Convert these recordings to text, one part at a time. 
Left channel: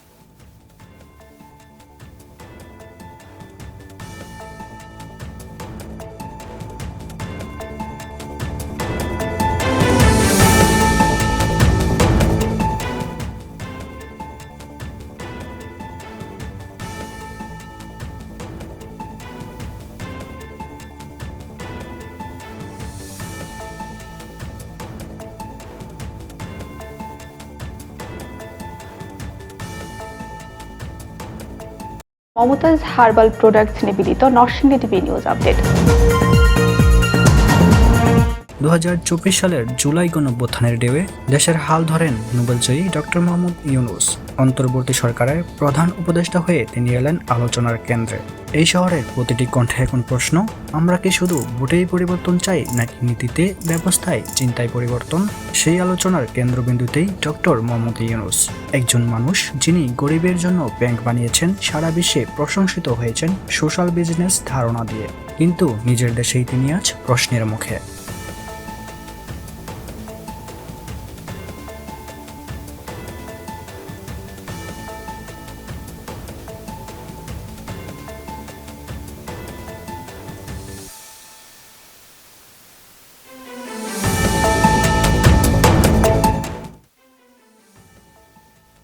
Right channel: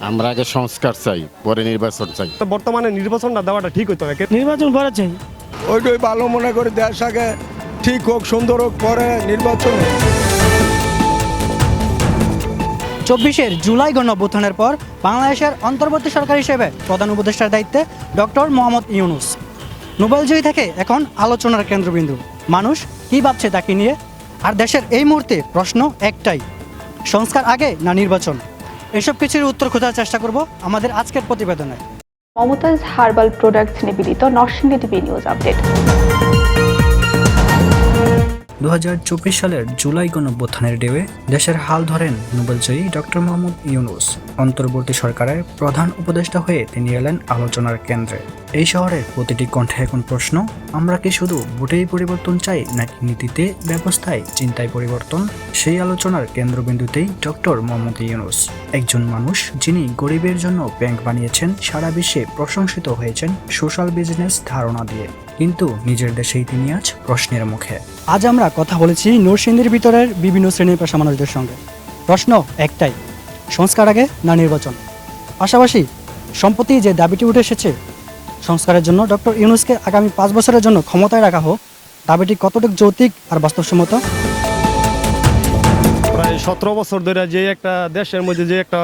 আমরা আগে সংস্কার চাই পরে নির্বাচন চাই। তো বর্তমানে নির্বাচনটা দেওয়াটা ঠিক হইতো না কে- নির্বাচন করা চাই। ওইটাই ভালো মনে করে দেশ আগে ঠিক হোক সুন্দর হোক পরে নির্বাচন চব্বিশের জুলাই গণঅভ্যুত্থানের পর বাংলাদেশের অন্তর্বর্তী সরকার হিসেবে প্রধান উপদেষ্টার দায়িত্বে ডক্টর মোহাম্মদ ইউনুস। নোবেলজয়ী থেকে এখন আলোচনার কেন্দ্রবিন্দু। মানুষ কী ভাবছে তাকে নিয়ে? আর দেশের এই মুহূর্তে প্রশ্ন একটাই সংস্কার আগে না নির্বাচন? এসব কিছুর উত্তর খোঁজার চেষ্টা করব আমাদের আজকের প্রতিবেদনে। মমতাজ হার্বাল প্রোডাক্টস নিবেদিত নরসিংদী টিভি নিউজ আপডেট। দু হাজার চব্বিশ সালের জুলাই গণঅভ্যুত্থানের ডেবে দেশের হাল ধরেন নোবেলজয়ী ডক্টর মোহাম্মদ ইউনুস। অন্তর্বর্তী সরকারের প্রধান উপদেষ্টা হয়ে তিনি এলেন আলোচনার কেন্দ্রে। এই শহরের প্রতিটি কণ্ঠে এখন প্রশ্ন, আমরা কি শুধু ভোটেই পরিবর্তন চাই নাকি নীতিতে ব্যবস্থায় চিন্তায় পরিবর্তন? সেই আলোচনার কেন্দ্রবিন্দুতেই ডক্টর মোহাম্মদ ইউনুস। একজন মানুষ যিনি গরিবের জন্য ব্যাংক বানিয়েছেন, সারা বিশ্বে প্রশংসিত হয়েছেন সোশ্যাল বিজনেস ধারণা দিয়ে। কিন্তু নিজের দেশেই তিনি আজ প্রশ্নের মুখে। আজ আমরা কথা বলেছি নরসিংদীর ভিতরের বিভিন্ন শ্রেণির পেশা মানুষদের সঙ্গে। প্রশ্ন একটাই, সংস্কার আগে না নির্বাচন? পাশাপাশি সম্প্রতি যে দাবিটি উঠে এসেছে, সংস্কারের জন্য ডক্টর ইউনুসকে আগামী পাঁচ বছরের জন্য ক্ষমতায় রাখা হোক, দাবিটি কতটুকু যৌতিক আর বাস্তবসম্মত? সতেরো বছর ধরে যে একটা দেশের মধ্যে যে একটা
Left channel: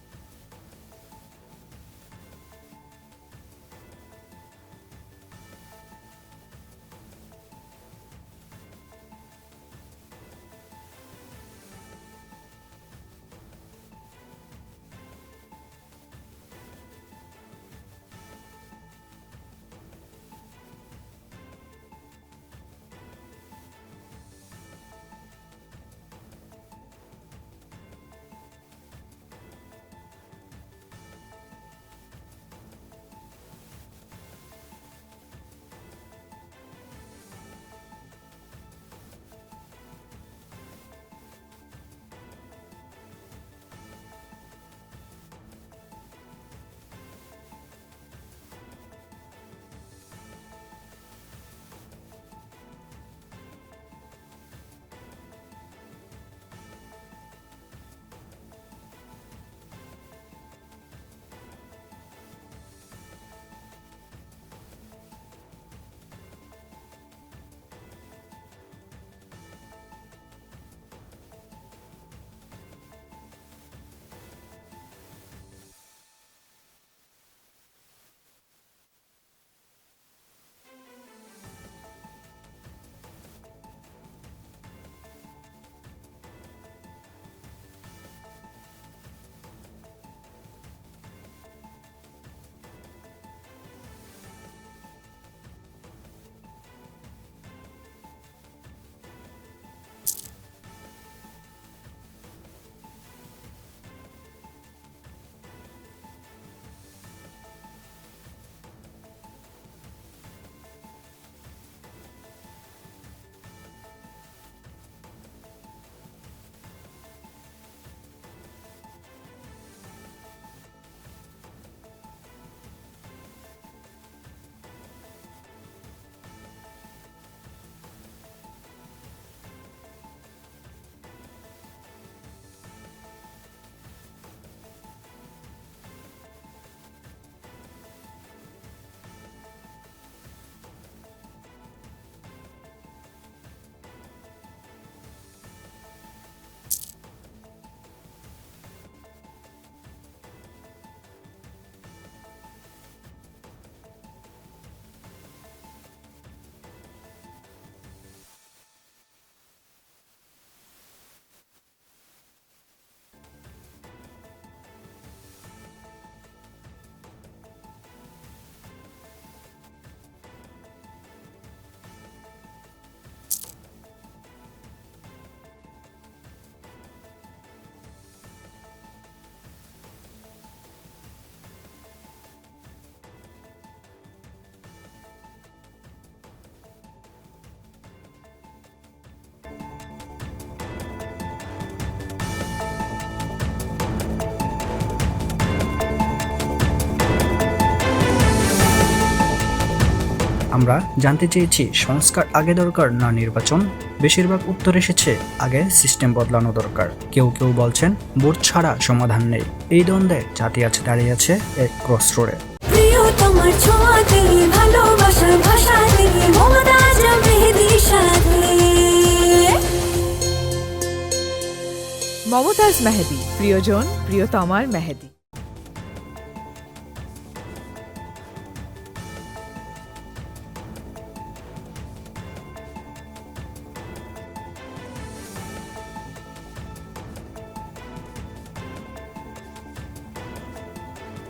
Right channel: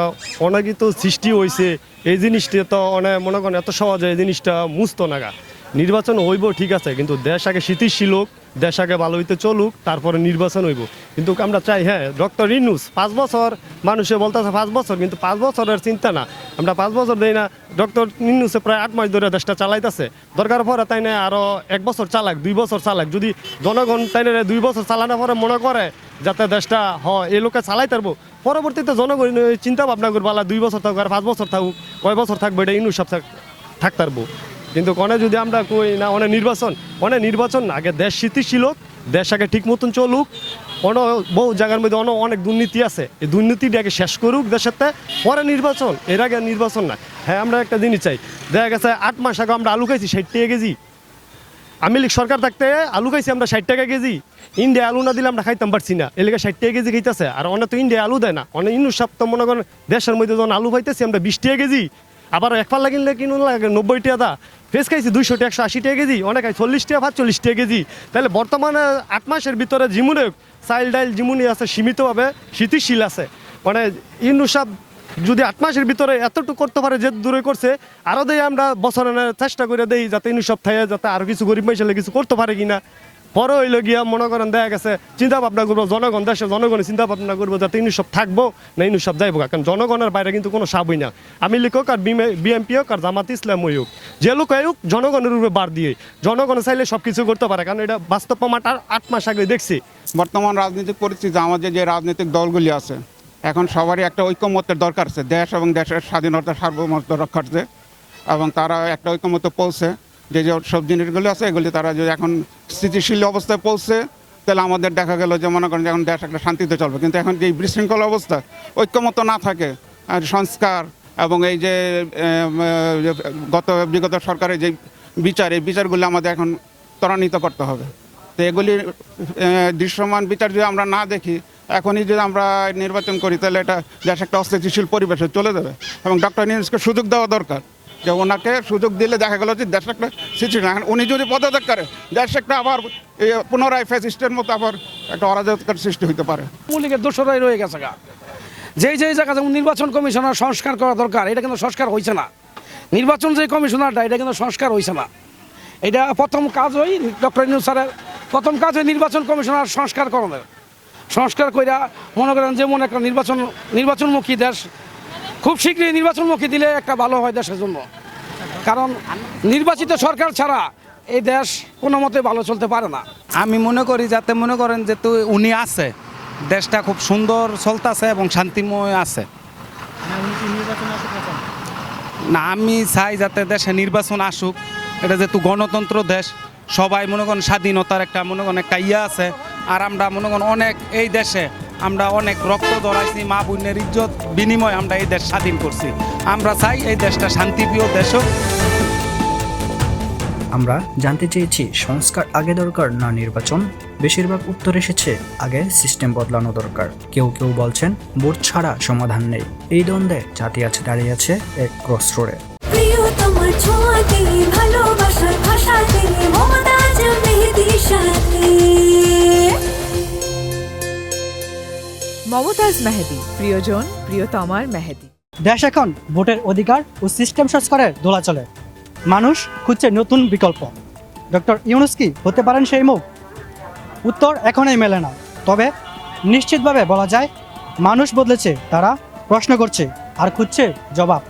অনাগিত সৃষ্টি হয়েছে এই জিনিসটা তো অনেক মনে করেন এত সহজে এই জিনিসটা মুছতো নাগা নির্বাচন হইব ঠিক আছে, কিন্তু দেশ আগে স্থিতিশীল হোক দেশ আগে ভালো হইতে চলুক, তারপরে নির্বাচন হইব। কিন্তু আমরা চাই হ্যাঁ ডক্টর ইনুস পাঁচ বছর, মানুষে বলতেছে পাঁচ বছর, কিন্তু পাঁচ বছরের চিন্তা না। আমরা পাঁচ বছর দেই না, ডক্টর ইনুসে প্রায় আট মাস ধরে দেশটা চালাইতেছে। দরকার পরে তাই না আরও এক বছর চালাক, দুই বছর চালাক। যদি জনগণ তাই না দুই বছর চালানোর পরে মনে করে যাতে দেশটা হ এই লোকে চালাই পারব পরবর্তীতে জনগণ চিন্তা ভাবনা করব দুই বছর থাকুক আর পাঁচ বছর থাকুক, কয় বছর থাকবে এটা ইনুস সব থাকতে পারব কিন্তু কনে যদি আমরা কই না অনেক নির্বাচন অনেক নির্বাচন আগে দেশ স্থিতিশীল হোক দেশ আগে ঠিক মতন চলুক অন বহু জায়গার মধ্যে অন অনেক দুর্নীতি আছে। এই দুর্নীতিটা আগে শেষ করুক দেশের তে, পরে নির্বাচন এর আগে নির্বাচন না। হ্যাঁ আমরা একটা জিনিস চাই দেখা গেছে আট মাস আগে আমরা আলু খাইছি ষাট টাকা কেজি। আমি লীগ সরকার থাকতে আলু খাইছি আমরা ষাট টাকা কেজি। ইন্ডিয়া আলু না দিলে আমরা খাইতাম পারছি না। এলাকা ষাট টাকা কেজি খাইতেছে আর অনেক তো ইন্ডিয়া আলু দেয় না। অনেক ইন্নু সপ্তাহ মনে করেন দেশের মধ্যে যখন আলু পাইতেছি আমরা বিশ টাকা কেজি। আবার এক পাল্লা কিনলে কিনুন লাগে নব্বই টাকা ফ্রেশ খাইছি দুইশো একশো আশি টাকা কেজি, অনেক চল্লিশ টাকা পাঁচচল্লিশ টাকা কেজি। তাহলে বর্তমানে আট মাসের ভিতরে জিমুনে চাইল ডাইল জিমুনি আছে, সীমিতভাবে স্থিতিশীল আছে। মানে ইনুসাব যদি আট মাসের ভিতরে এতটুকু করতে পারে, যে দূরে করছে আরও দেই আমরা বছরের চেষ্টা করে দেই যাতে ইনুসব থাকে যাতে আরও কিছু গরিব মাইশালে কিছু করতে পারে কিনা। পরে হইল গিয়া মনে করেন দেখা গেছে চিন্তা ভাবনা করব, জনগণ, দেশে জনগণের চিন্তা ভাবনা করব যাতে ইনু সব থাকব, না ইনু সব যাইবো কারণ জনগণের বাইরে কিন্তু কোনো সাবই না। আমি লিখুক আর বিএমপি হোক আর জামাত ইসলাম হোক, যে লোক হোক, জনগণের উপরে বার দিয়ে। জনগণ চাইলে সব কিছু করতে পারে, কারণ এটা বাস্তব প্রমাণ আট মাস আগে দেখছি। বর্তমান রাজনৈতিক পরিস্থিতি, আমাদের যে রাজনৈতিক দলগুলি আছে, এখন সবারই একটা ঐক্যমত্যের দরকার আছে। দেশ এবং দেশের স্বাধীনতা, সার্বভৌমত্ব রক্ষার্থে, এবং তারা একটা ঐক্যমত্য পৌঁছে যে যে সব জিনিসগুলি আছে, এগুলি তারা যদি এখন স্থিতিশীল অবস্থায় পৌঁছে, তাহলে আমাদের দেখা গেল যে মনে করেন যে এখন দেশ একটা শান্তিতে চলবে। কিন্তু এখন যে বিশৃঙ্খল অবস্থা, ঐক্যমত্য না থাকে, আর সংস্কার এবং এই যে গত বিগত সরকারের যে বিচার, এই বিচারগুলো আমাদের এখন ত্বরান্বিত করতে হবে। তো এগুলির দৃশ্যমান বিচার যদি আমরা না দেখি, এখনই যদি আমরা নির্বাচন করি, তাহলে এটা দেশ একটা অস্থিতিশীল পরিবেশে চলে যাবে। এবং ডক্টর নিউজকে সুযোগ দেওয়া দরকার। যে ওনাকে সুযোগ দিলে দেখা গেল যে দেশ একটা এখন উনি যদি পদত্যাগ করে দেশ একটা আবার পুনরায় ফ্যাসিস্টের মতো আবার একটা অরাজকতার সৃষ্টি হতে পারে। মৌলিকের দোষরাই রয়ে গেছে গা। যেই যেই জায়গা যেমন নির্বাচন কমিশনার সংস্কার করা দরকার, এটা কিন্তু সংস্কার হয়েছে না। নির্বাচন যে কমিশনারটা, এটা কিন্তু সংস্কার হয়েছে না। এটা প্রথম কাজ ওই ডক্টর ইনু স্যারের, প্রথম কাজ ওই নির্বাচন কমিশনার সংস্কার করানোর। সংস্কার কইরা মনে করেন যেমন একটা নির্বাচন, নির্বাচনমুখী দেশ খুব শীঘ্রই নির্বাচনমুখী দিলে একটা ভালো হয় দেশের জন্য। কারণ নির্বাচিত সরকার ছাড়া এই দেশ কোনো মতে ভালো চলতে পারে না। আমি মনে করি, যাতে মনে করেন যে তো উনি আছে, দেশটা খুব সুন্দর চলতেছে এবং শান্তিময় আছে। না, আমি চাই যাতে দেশে নির্বাচন আসুক। এটা যেহেতু গণতন্ত্র দেশ, সবাই মনে করেন স্বাধীনতার একটা, মনে করেন একটা ইয়ে আছে। আর আমরা মনে করেন অনেক এই দেশে আমরা অনেক রক্ত ধরাইছি মা বোনের ইজ্জত বিনিময়ে আমরা এই দেশ স্বাধীন করছি। আমরা চাই এই দেশটা শান্তিপ্রিয় দেশ হোক। আমরা জানতে চেয়েছি সংস্কার আগে দরকার না নির্বাচন। বেশিরভাগ উত্তর এসেছে আগে সিস্টেম বদলানো দরকার। কেউ কেউ বলছেন ভোট ছাড়া সমাধান নেই। এই দ্বন্দ্বে জাতি আছে দাঁড়িয়ে আছে এক ক্রস রোডে প্রিয় তোমার ছোঁয়াতে ভালোবাসার ভাষাতে মমতাজ মমতাজ মেহেদি, প্রিয়জন প্রিয়তমার মেহেদি। দেশ এখন ভোটের অধিকার ও সিস্টেম সংস্কারের দোলাচলে মানুষ খুঁজছে নতুন বিকল্প। ডক্টর ইউনুস কি হতে পারেন সেই মুখ? উত্তর এখনই মেলে না। তবে নিশ্চিতভাবে বলা যায়, মানুষ বদলেছে, তারা প্রশ্ন করছে আর খুঁজছে জবাব।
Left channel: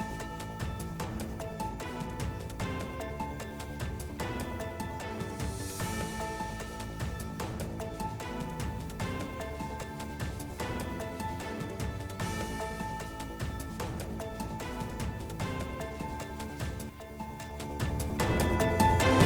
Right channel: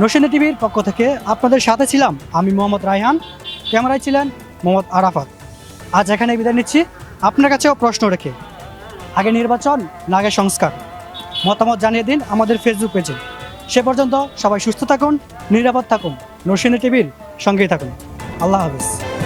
নসিনা টিভির পক্ষ থেকে আপনাদের সাথে ছিলাম আমি মোহাম্মদ রায়হান। ক্যামেরায় ছিলেন মোহাম্মদ আরাফাত। আজ এখানে বিদায় নিচ্ছি। আপনার কাছেও প্রশ্ন রেখে। আগে নির্বাচন, না আগে সংস্কার। মতামত জানিয়ে দিন আমাদের ফেসবুক পেজে সে পর্যন্ত সবাই সুস্থ থাকুন, নিরাপদ থাকুন। নরসিনী টিভির সঙ্গেই থাকুন। আল্লাহ হাফিজ।